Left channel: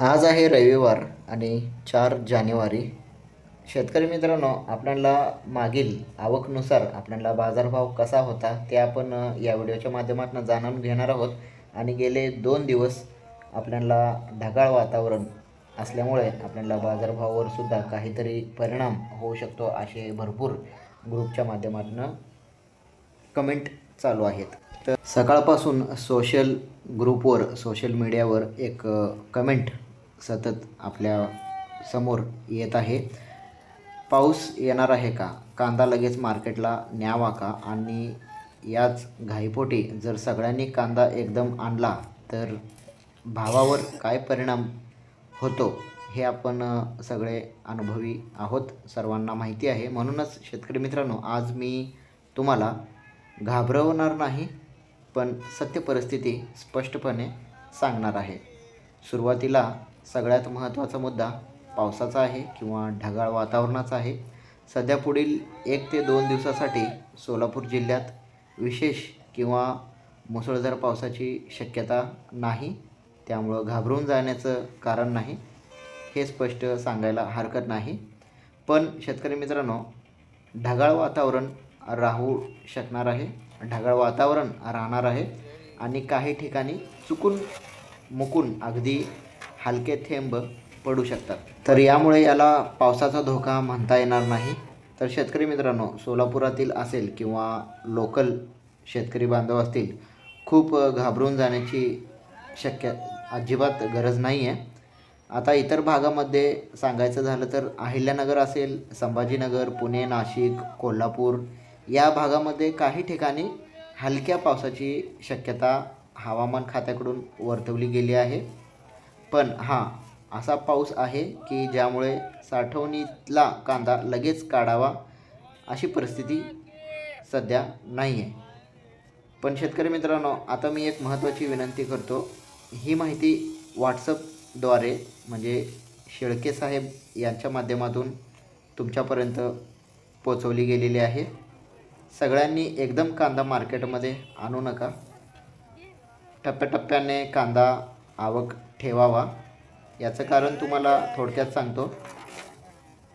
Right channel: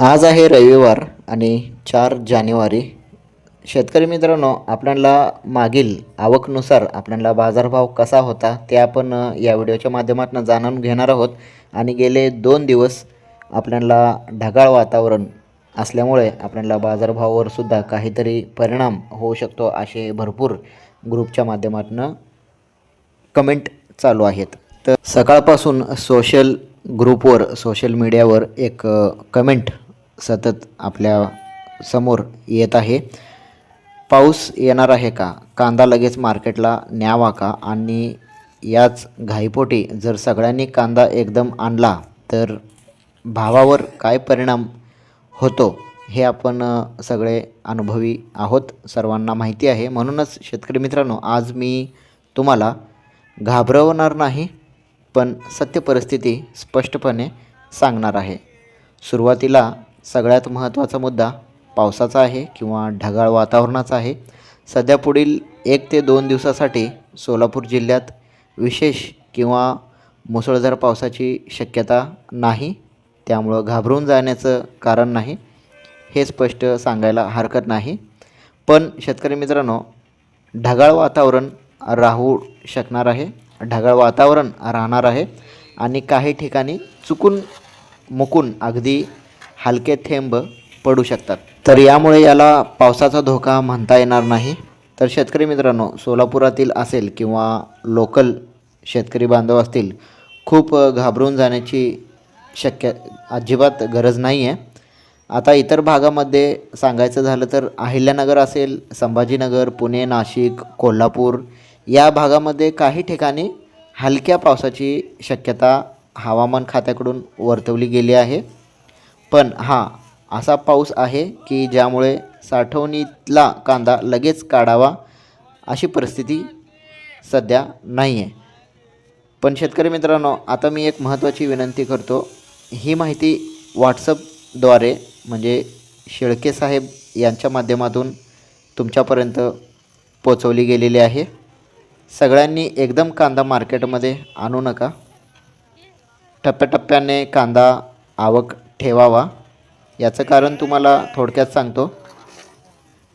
आज आहे रविवार आणि 4 जानेवारी. शेतकरी मित्रांनो, आपल्याला मागील आवकनुसार आपल्याला बाजारभाव कसा होता ते आपण या व्हिडिओच्या माध्यमातून जाणून घेणार आहोत. आणि गेले 2 दिवस आपल्याला ढगाळ वातावरण असल्यामुळे आपल्याला बाजारभावावर सुद्धा काहीतरी परिणाम होऊ शकतो असे भरपूर ग्रुपच्या माध्यमातून कमेंट चालू आहेत. तर सकाळपासून सोशल ग्रुपवर सोशल मीडियावर एक कमेंट सतत आपल्या समोर येत आहे. पाऊस येणार आहे का? कांदा लगेच मार्केटला न्यावा का? आणि याच घाईपोटी जर सगळ्यांनी कांदा एकदम आणला तर भावावर काय परिणाम होतो हे आपण सगळे अनुभवी आहोत, सर्वांना माहिती आहे. म्हणूनच शेतकरी मित्रांनो, आज मी तुम्हाला घाबरवणार नाही, पण सत्य परिस्थिती स्पष्टपणे सांगणार आहे. सुरुवातीला सगळ्यात महत्त्वाचा मुद्दा पावसाचा आहे किंवा ढगाळ वातावरणाचा आहे. सध्या पुढील 1 ते 2 दिवसासाठी सोलापूर जिल्ह्यात विशेष किंवा मुसळधार पावसाची शक्यता नाही. त्यामुळं घाबरून जाण्याचं कारण नाही, हे स्पष्ट सांगायला हरकत नाही. पण शेतकरी मित्रांनो, ढगाळ वातावरण राहू शकणार आहे, ढगाळ वातावरण राहणार आहे आणि काही ठिकाणी चुकून मुकून अगदी हलके थेंब पडू शकतात. तर यामुळे याला पावसाचा धोका म्हणता येणार नाही. तर शेतकरी मित्रांनो, सोलापुरातील असेल किंवा लोकल शेतकरी बांधव असतील, खूप घाबरून जाण्याची अजिबात गरज नाही आहे. आता इतर भागामध्ये सांगायचं झालं तर अहिल्यानगर असेल, संभाजीनगर, पुणे, नाशिक, कोल्हापूर या भागामध्ये काही ठिकाणी हलक्या पावसाची शक्यता हवामान खात्याकडून वर्तवली गेली आहे. पण हां, असा पाऊस आहे की ज्यामुळे साठवणीतला कांदा लगेच काढावा अशी परिस्थिती सध्या नाही आहे. पण शेतकरी मित्रांनो, आता मी एक महत्त्वाची विनंती करतो. ही माहिती व्हॉट्सअपद्वारे म्हणजे शेळके साहेब यांच्या माध्यमातून तुमच्यापर्यंत पोचवली गेलेली आहे. सगळ्यांनी एकदम कांदा मार्केटमध्ये आणू नका. टप्प्याटप्प्याने कांदा आवक ठेवावा. याचं कारण तुम्हाला थोडक्यात सांगतो.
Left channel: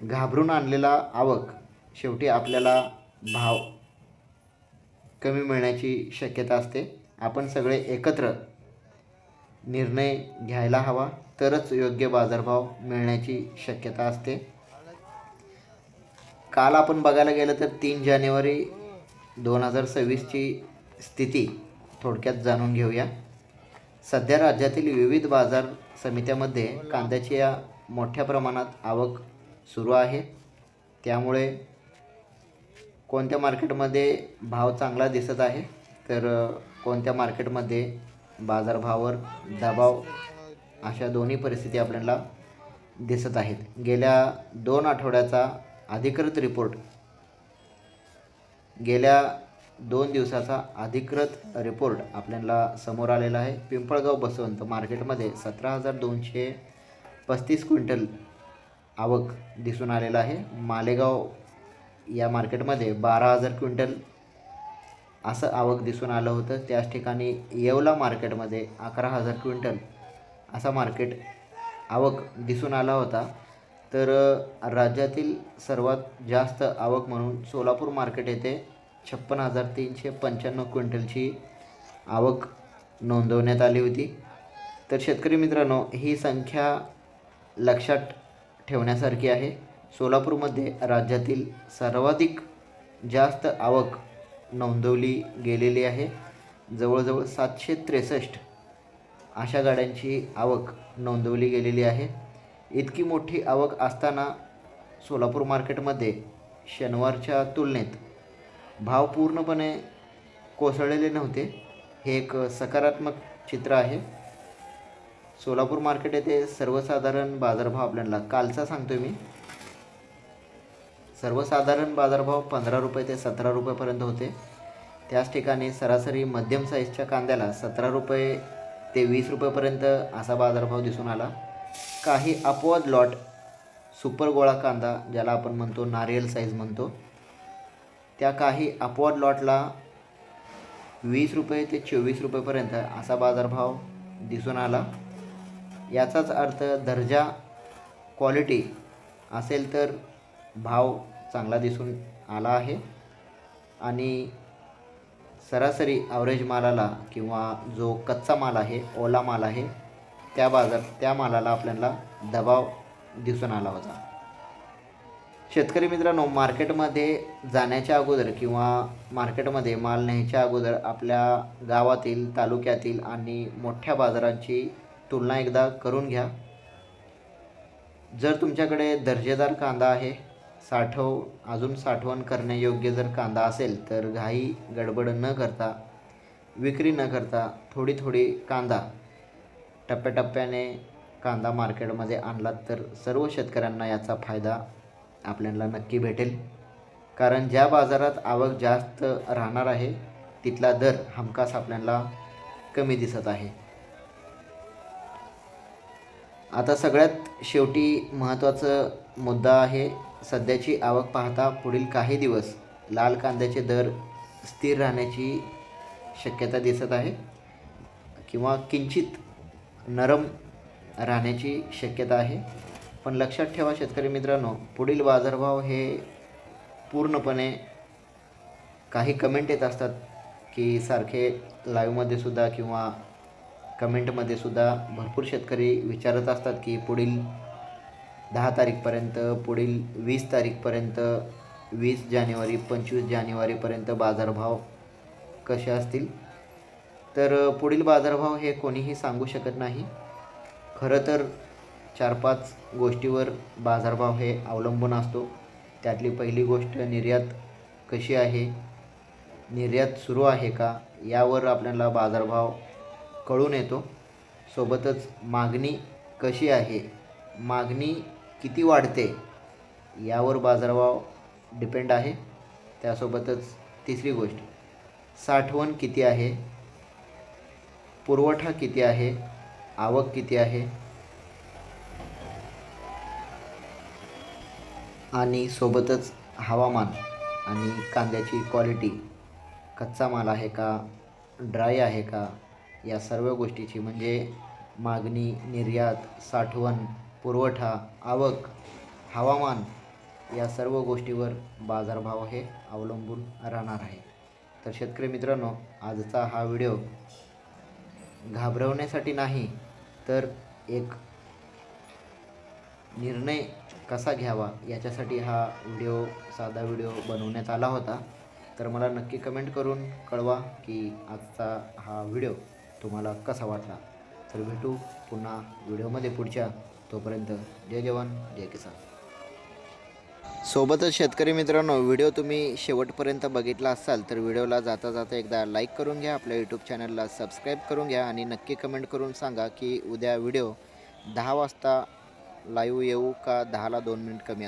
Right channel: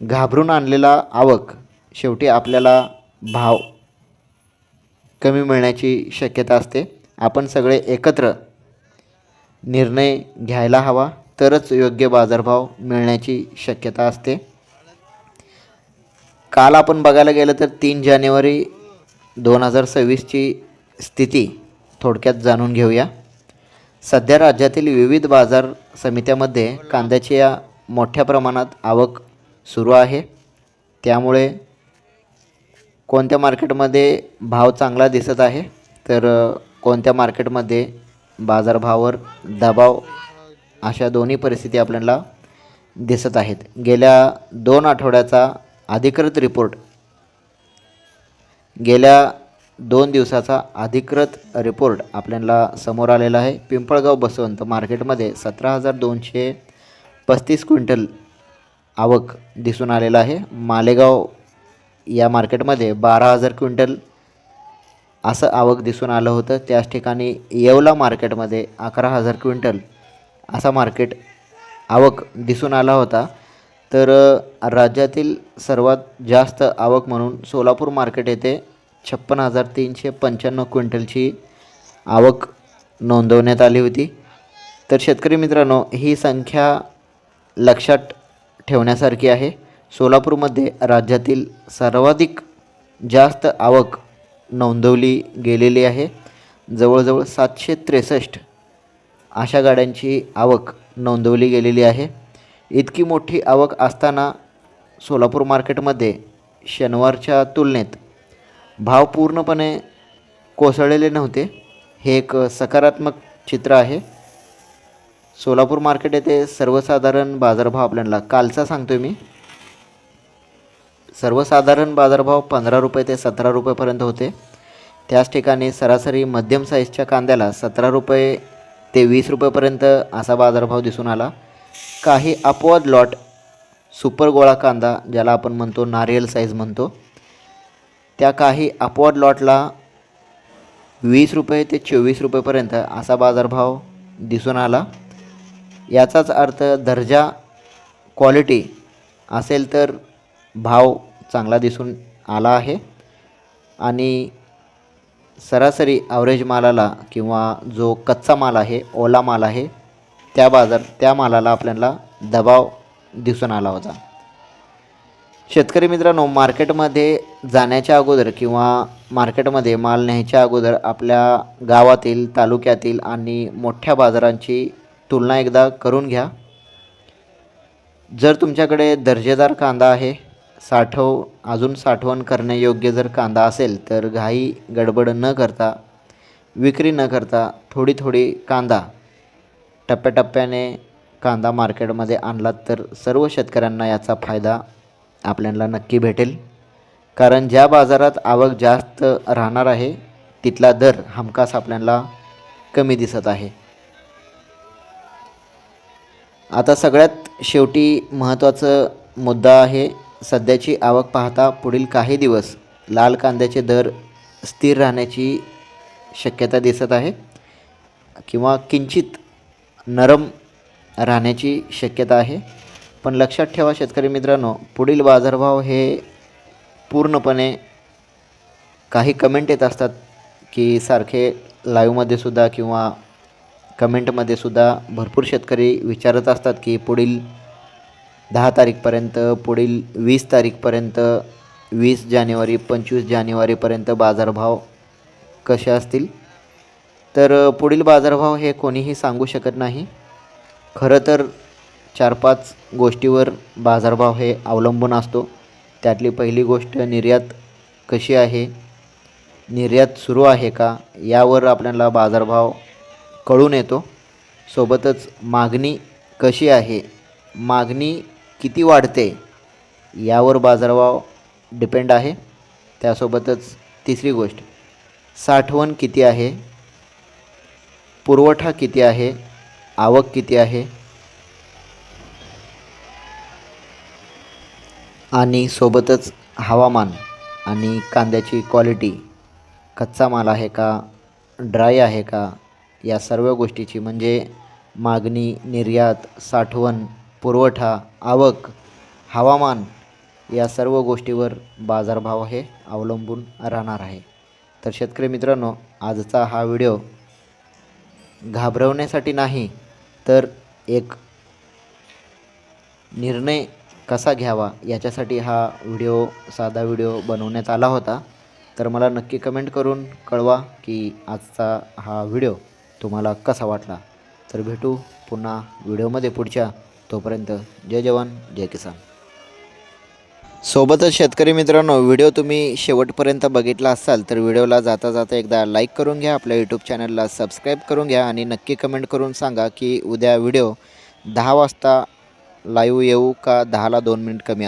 घाबरून आणलेला आवक शेवटी आपल्याला भाव कमी मिळण्याची शक्यता असते. आपण सगळे एकत्र निर्णय घ्यायला हवा, तरच योग्य बाजारभाव मिळण्याची शक्यता असते. काल आपण बघायला गेलं तर 3 जानेवारी 2026ची स्थिती थोडक्यात जाणून घेऊया. सध्या राज्यातील विविध बाजार समित्यामध्ये कांद्याची या मोठ्या प्रमाणात आवक सुरू आहे. त्यामुळे कोणत्या मार्केटमध्ये भाव चांगला दिसत आहे तर कोणत्या मार्केटमध्ये बाजारभावावर दबाव, अशा दोन्ही परिस्थिती आपल्याला दिसत आहेत. गेल्या 2 आठवड्याचा अधिकृत रिपोर्ट, गेल्या 2 दिवसाचा अधिकृत रिपोर्ट आपल्याला समोर आलेला आहे. पिंपळगाव बसवंत मार्केटमध्ये 17,235 क्विंटल आवक दिसून आलेला आहे. मालेगाव या मार्केटमध्ये 12,000 क्विंटल असं आवक दिसून आलं होतं. त्याच ठिकाणी येवला मार्केटमध्ये 11,000 क्विंटल असा मार्केट आवक दिसून आला होता. तर राज्यातील सर्वात जास्त आवक म्हणून सोलापूर मार्केट येथे 56,395 क्विंटलची आवक नोंदवण्यात आली होती. तर शेतकरी मित्रांनो, ही संख्या लक्षात ठेवण्यासारखी आहे. सोलापूरमध्ये राज्यातील सर्वाधिक जास्त आवक नोंदवली गेलेली आहे. जवळजवळ 763 अशा गाड्यांची आवक नोंदवली गेलेली आहे. इतकी मोठी आवक असताना सोलापूर मार्केटमध्ये शनिवारच्या तुलनेत भाव पूर्णपणे कोसळलेले नव्हते. हे एक सकारात्मक चित्र आहे. सोलापूर मार्केट येथे सर्वसाधारण बाजारभाव आपल्याला कालचा सांगतो मी. सर्वसाधारण बाजारभाव 15 रुपये ते 17 रुपयेपर्यंत होते. त्याच ठिकाणी सरासरी मध्यम साईजच्या कांद्याला 17 रुपये ते 20 रुपयेपर्यंत असा बाजारभाव दिसून आला. काही अपवाद लॉट सुपर गोळा कांदा, ज्याला आपण म्हणतो नारियल साईज म्हणतो, त्या काही अपवाद लॉटला 20 रुपये ते 24 रुपयेपर्यंत असा बाजारभाव दिसून आला. याचाच अर्थ दर्जा क्वालिटी असेल तर भाव चांगला दिसून आला आहे आणि सरासरी ॲव्हरेज मालाला किंवा जो कच्चा माल आहे, ओला माल आहे, त्या मालाला आपल्याला दबाव दिसून आला होता. शेतकरी मित्रांनो, मार्केटमध्ये जाण्याच्या अगोदर किंवा मार्केटमध्ये माल न्यायच्या अगोदर आपल्या गावातील, तालुक्यातील आणि मोठ्या बाजारांची तुलना एकदा करून घ्या. जर तुमच्याकडे दर्जेदार कांदा आहे, अजून साठवण करण्यायोग्य जर कांदा असेल तर घाई गडबड न करता, विक्री न करता थोडी थोडी कांदा टप्प्याटप्प्याने कांदा मार्केटमध्ये आणलात तर सर्व शेतकऱ्यांना याचा फायदा आपल्याला नक्की भेटेल. कारण ज्या बाजारात आवक जास्त राहणार आहे तिथला दर हमखास आपल्याला कमी दिसत आहे. आता सगळ्यात शेवटी महत्त्वाचा मुद्दा आहे, सध्याची आवक पाहता पुढील काही दिवस लाल कांद्याचे दर स्थिर राहण्याची शक्यता दिसत आहे किंवा किंचित नरम राहण्याची शक्यता आहे. पण लक्षात ठेवा शेतकरी मित्रांनो, पुढील बाजारभाव हे पूर्णपणे काही कमेंट येत असतात की सारखे लाईव्हमध्ये सुद्धा किंवा कमेंटमध्ये सुद्धा भरपूर शेतकरी विचारत असतात की पुढील 10 तारीखपर्यंत, पुढील 20 तारीखपर्यंत, 20 जानेवारी 25 जानेवारीपर्यंत बाजारभाव कसे असतील. तर पुढील बाजारभाव हे कोणीही सांगू शकत नाही. खरं तर 4-5 गोष्टीवर बाजारभाव हे अवलंबून असतो. त्यातली पहिली गोष्ट निर्यात कशी आहे, निर्यात सुरू आहे का, यावर आपल्याला बाजारभाव कळून येतो. सोबतच मागणी कशी आहे, मागणी किती वाढते यावर बाजारभाव डिपेंड आहे. त्यासोबतच तिसरी गोष्ट, साठवण किती आहे, पुरवठा किती आहे, आवक किती आहे आणि सोबतच हवामान आणि कांद्याची क्वालिटी, कच्चा माल आहे का, ड्राय आहे का, या सर्व गोष्टीची म्हणजे मागणी, निर्यात, साठवण, पुरवठा, आवक, हवामान या सर्व गोष्टीवर बाजारभाव हे अवलंबून राहणार आहे. तर शेतकरी मित्रांनो, आजचा हा व्हिडिओ घाबरवण्यासाठी नाही तर एक निर्णय कसा घ्यावा याच्यासाठी हा साधा व्हिडिओ बनवण्यात आला होता. तर मला नक्की कमेंट करून कळवा की आजचा हा व्हिडिओ तुम्हाला कसा वाटला. तर भेटू पुन्हा व्हिडिओमध्ये पुढच्या. तोपर्यंत जय जवान जय किसान. सोबतच शेतकरी मित्रांनो, व्हिडिओ तुम्ही शेवटपर्यंत बघितला असाल तर व्हिडिओला जाता जाता एकदा लाईक करून घ्या, आपल्या यूट्यूब चॅनलला सबस्क्राईब करून घ्या आणि नक्की कमेंट करून सांगा की उद्या व्हिडिओ 10 वाजता लाईव्ह येऊ का 10ला 2 मिनिट कमी